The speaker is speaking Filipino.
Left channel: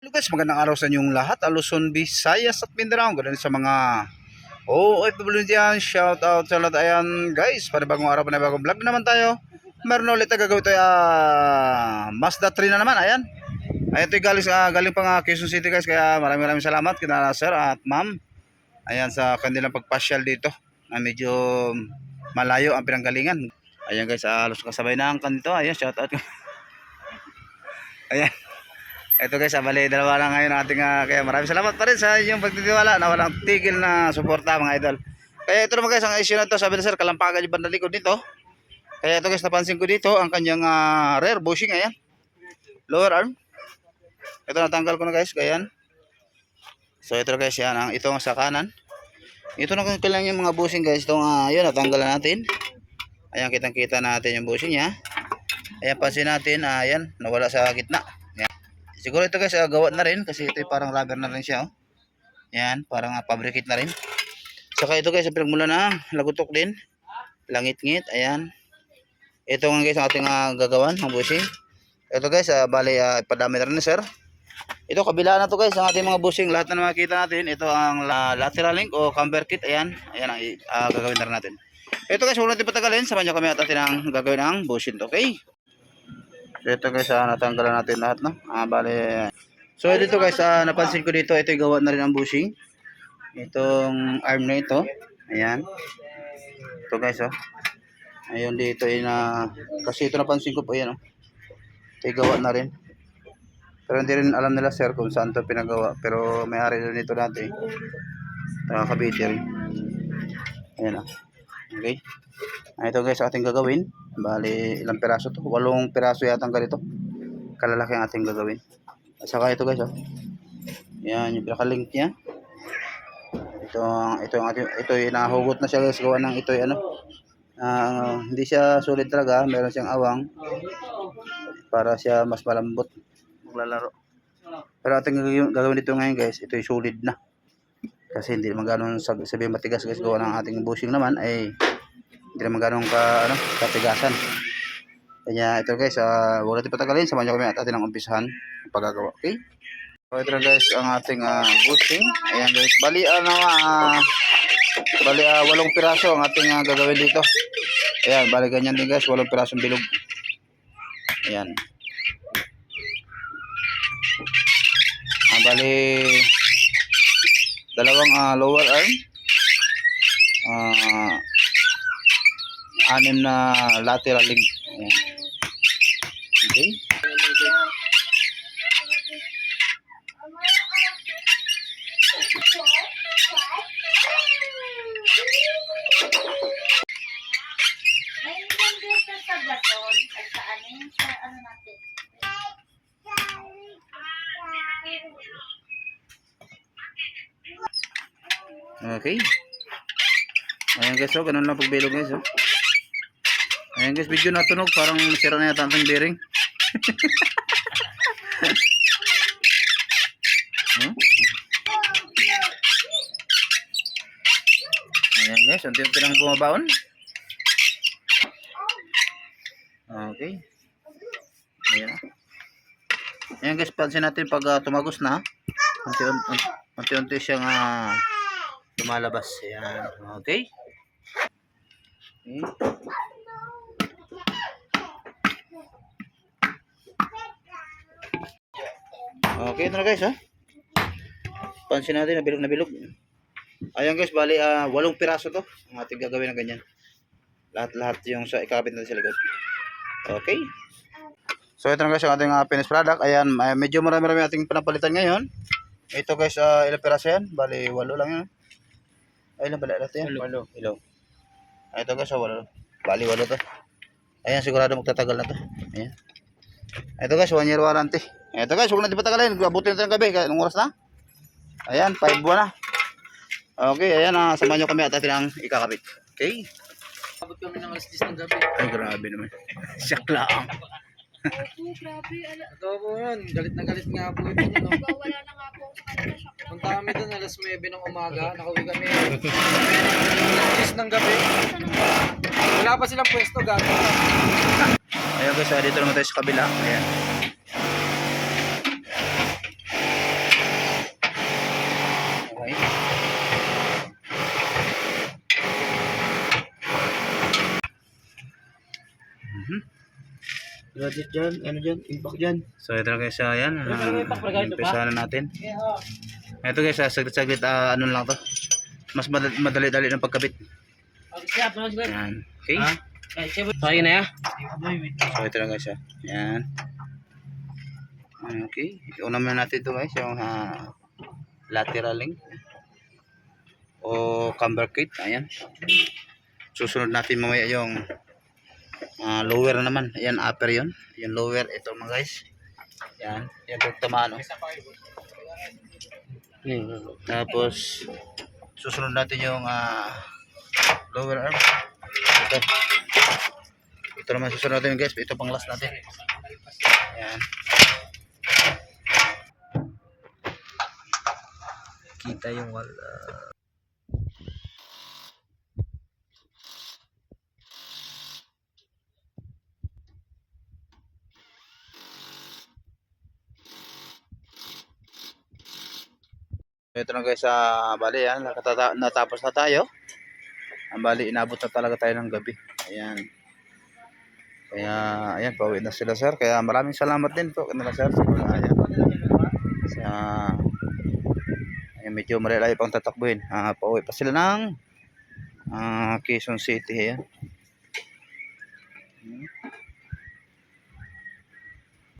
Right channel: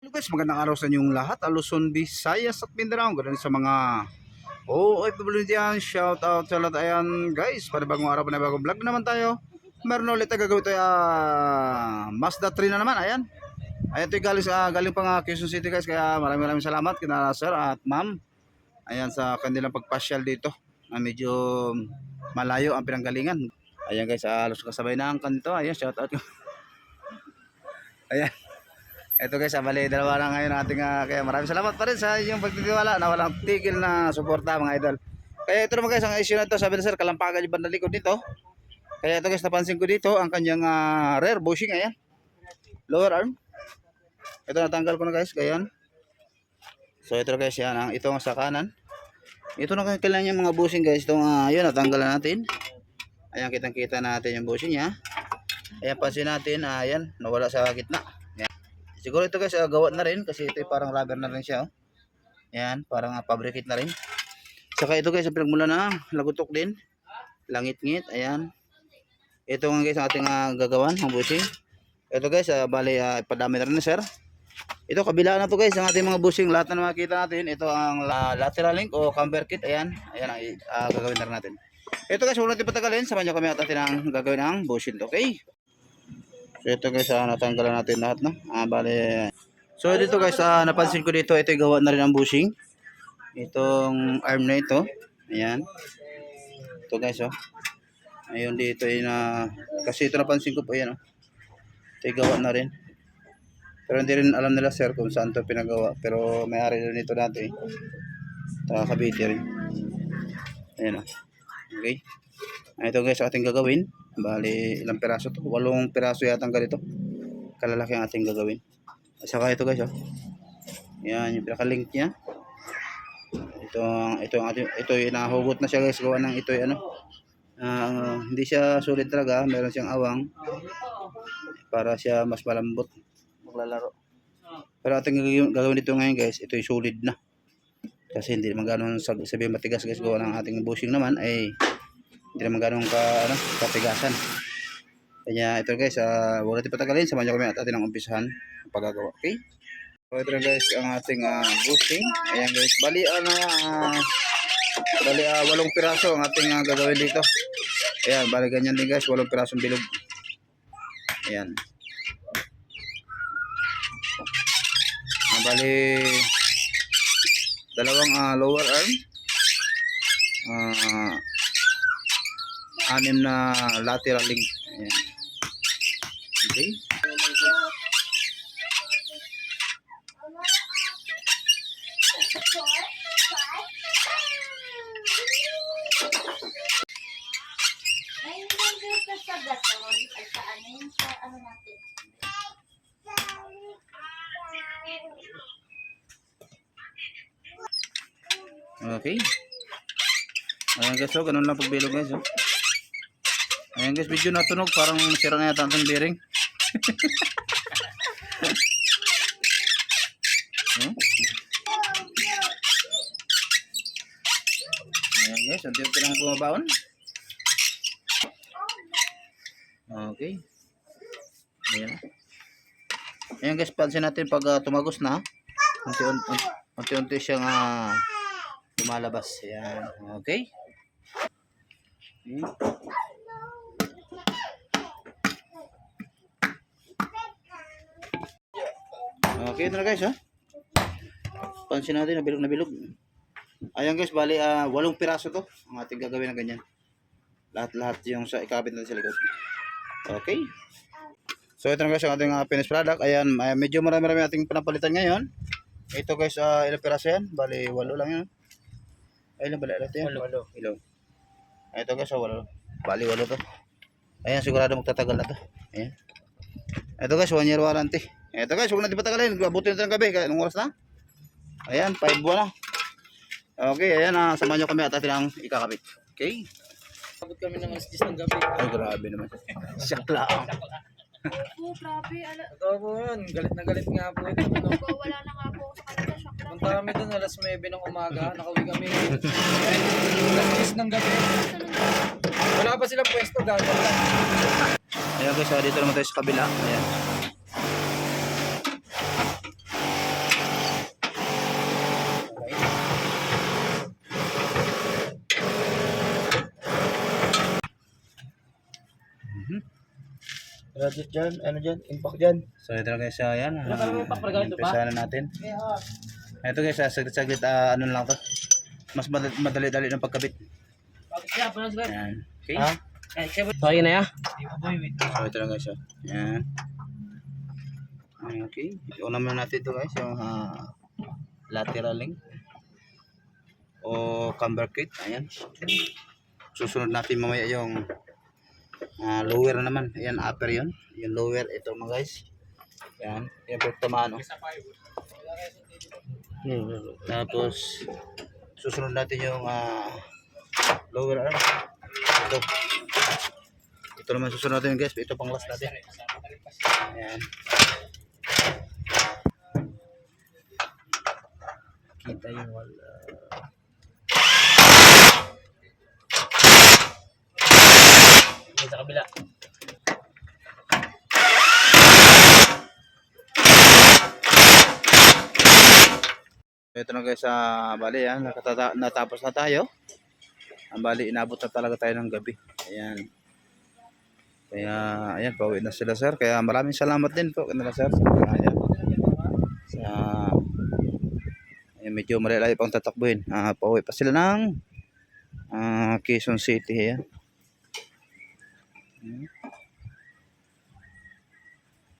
Hello guys, magandang araw sa inyong lahat. Luzon, Visayas at Mindanao. Ganun sa mga OFW dyan. Shout out sa lahat. Ayan guys, panibagong araw, panibagong vlog na naman tayo. Meron na ulit na gagawin ito. Mazda 3 na naman. Ayan. Ayan ito galing pang Quezon City guys. Kaya maraming salamat kina sir at ma'am. Ayan sa kanilang pagpasyal dito. Medyo malayo ang pinanggalingan. Ayan guys, halos kasabay na ang kanito. Ayan, shout out. Ayan. Ito guys, bali dalawa lang ngayon ating kaya maraming salamat pa rin sa inyong pagtitiwala na walang tigil na suporta mga idol. Kaya ito naman guys, ang issue na to, sabi na sir, kalampagan yung bandang likod nito. Kaya ito guys, napansin ko dito ang kanyang rear bushing, ayan. Lower arm. Ito natanggal ko na guys, ganyan. So ito guys, yan, ito sa kanan. Ito na kailangan yung mga bushing guys, itong yun, natanggal na natin. Ayan, kitang-kita natin yung bushing niya. Ayan, pansin natin, ayan, nawala sa gitna. Siguro ito guys, gawa na rin kasi ito parang rubber na rin siya. Oh. Yan, parang fabricate na rin. Saka ito guys, pinagmula na lagutok din. Langit-ngit, ayan. Ito nga guys ang ating gagawan, ang bushing. Ito guys, bali ipadami na rin sir. Ito kabila na to guys, ang ating mga bushing. Lahat na makikita natin, ito ang lateral link o camber kit. Ayan, ayan ang gagawin na rin natin. Ito guys, huwag natin patagalin. Samahan nyo kami at atin ang gagawin ng bushing. Okay? So ito guys, natanggalan natin lahat, no? Bali. So dito guys, napansin ko dito, ito gawa na rin ang bushing. Itong arm na ito. Ayan. Ito guys, oh. Ayun dito, kasi ito napansin ko po, ayan, oh. Ito gawa na rin. Pero hindi rin alam nila sir kung saan ito pinagawa. Pero may-ari rin ito dati. Kabiti rin. Ayan, oh. Okay. Ito guys, ating gagawin. Bali, ilang piraso to? 8 piraso yata ang ganito. Kalalaki ang ating gagawin. Saka ito guys, oh. Yan, yung pinaka-link niya. Ito yung nahugot na siya guys. Gawa ng ito yung hindi siya solid talaga. Meron siyang awang. Para siya mas malambot maglalaro. Pero ating gagawin dito ngayon guys, ito yung solid na. Kasi hindi naman ganun sabihin matigas guys. Gawa ng ating bushing naman ay hindi naman ganun katigasan. Kaya ito guys, huwag natin patagalin. Samahan nyo kami at atin ang umpisahan ang paggagawa. Okay? So ito na guys ang ating bushing. Ayan guys. Bali 8 piraso ang ating gagawin dito. Ayan, bali ganyan din guys. 8 pirasong bilog. Ayan. Bali dalawang lower arm. 6 na lateral link. Ayan. Okay. Sa gasol at sa ano natin. Okay. Ayan guys, oh, ganun lang pagbilog guys, oh. Ayan guys, video natunog, parang masira na yata ang bearing. Huh? Ayan guys, unti-unti lang bumabaon. Okay. Ayan. Ayan guys, pansin natin pag tumagos na, unti-unti siyang lumalabas. Ayan. Okay. Okay. Okay, ito na guys, ha. Pansin natin, nabilog na bilog. Ayan guys, bali 8 piraso to ang ating gagawin na ganyan. Lahat yung sa ikabit natin sa likod. Okay. So ito na guys, ang ating finished product. Ayan, medyo marami ating pinapalitan ngayon. Ito guys, ilang piraso yan? Bali 8 lang yan. Ay, ilang bala natin yan? 8. Ito guys, 8. Bali 8 to. Ayan, sigurado magtatagal na to. Ayan. Ito guys, 1 year warranty. Ito guys, huwag natin patagalin. Abutin natin ng gabi. Anong oras na? Ayan, 5 buwan na. Okay, ayan, samahan nyo kami at atin ang ikakabit. Okay? Abot kami ng alas 10 ng gabi. Ay, grabe naman. Siyak lang. Oo, grabe. Ito po yun, galit na galit nga po ito. No? Wala na nga po sa kanila. Shock lang. Punta kami dun alas 9 ng umaga, nakauwi kami alas 10 ng gabi. Wala pa silang pwesto, gagawin lang. Ayan guys, dito naman tayo sa kabila. Ayan. Graduate dyan, ano dyan, impact dyan. So ito na guys, yan. Umpisa na natin. Ito guys, saglit-saglit, ano lang to. Mas madali-dali ng pagkabit. Yan. Okay. Kaya na ya? So ito na guys, yan. Okay. Una muna natin ito guys, yung lateral link o camber kit. Ayan. Susunod natin mamaya yung lower naman. Ayan, upper yun. Yung lower, ito mga guys. Yan. Yan po tamaan. Tapos susunod natin yung lower arm. Ito. Ito naman susunod natin guys. Ito pang last natin. Ayan. Kita yung wala. Sa kabila. Ito na guys, bali yan, natapos na tayo. Ang bali, inabot na talaga tayo ng gabi. Ayan. Kaya, ayan, pauwi na sila sir. Kaya maraming salamat din po kanila sir. Ayan. Ayan, medyo marilayo pang tatakbuhin. Pauwi pa sila ng Quezon City. Ayan.